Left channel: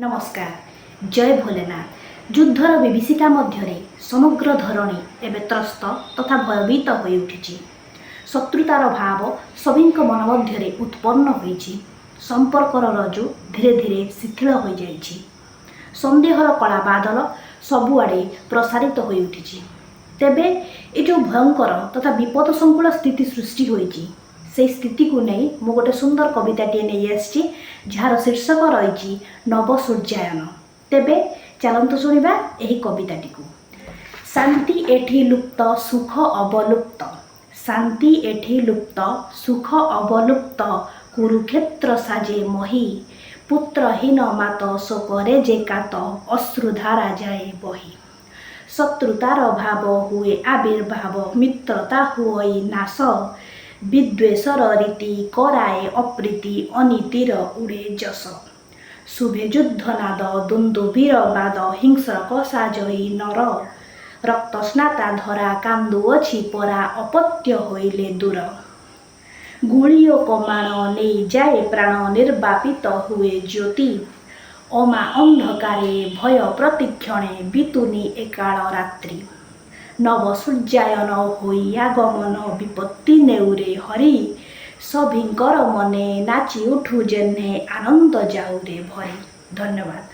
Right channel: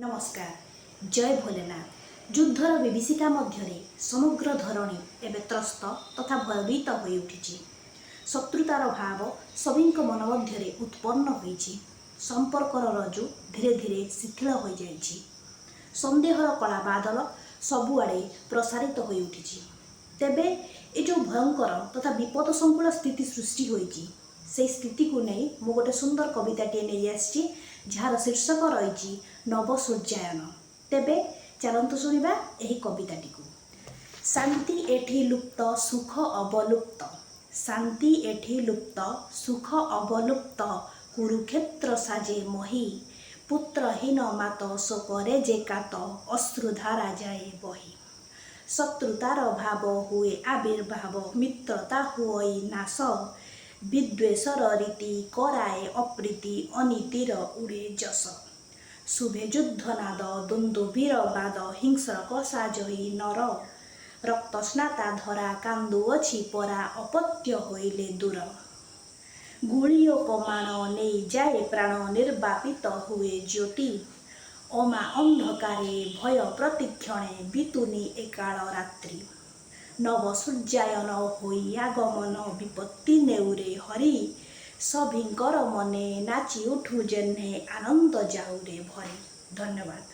नमस्कार। जय भोलेनाथ। युद्धर विभीषिका मध्य समग्र धरणी एवं त्रस्त तथा भयभीत हो उठी। शत्रुतार भाव सभी मन मध्य उत्पन्न होइछि। संपर्कर रजु धीरे धीरे शिथिल हो जाइछि। संदेहर कला बादल सबुआड़े प्रसारित हो उठी। तेबे ये जो भयंकर तथा विपद संकुल स्थिति सृष्टि होइछि से स्थिति को नहीं मु गोटे सुंदर कविताटे नहीं आसी जार शीर्षक रही नव सूर्यायन। तेबे चलतु शुणा यही कविताटी को। शांति एठी लुप्त सुख अवलुप्त, शांति एठी लुप्त सुख अवलुप्त, कुरुक्षेत्र साजे मही, पुत्रहीन मात शोकरे जे कात, अश्रुधारा जाए बही। शत्रुतार भाव हुए आविर्भाव, मित्रता हुई नाश, विद्वेषर रीति कराए अप्रीति, अनीतिर उड़े जस। शुभे युद्धनाद दुन्दुभीर बाद, हिंस्रक साजई नर, रक्तस्नाता धरा कांदुअछि परा, अपत्य होइले दूर। गुलियो कमाण नहीं जाए प्राण, निर्वापित हुए ज्योति, अमा अंधकारे भय प्रतिक्षणे, बितुनी एकाल रात्रि। नव सूर्यायन होई आगमन, विपत्ति नेउरे हरि, सभिंकर मने नाची उठु जेन्हे आनंद जाऊरे भरी। धन्यवाद।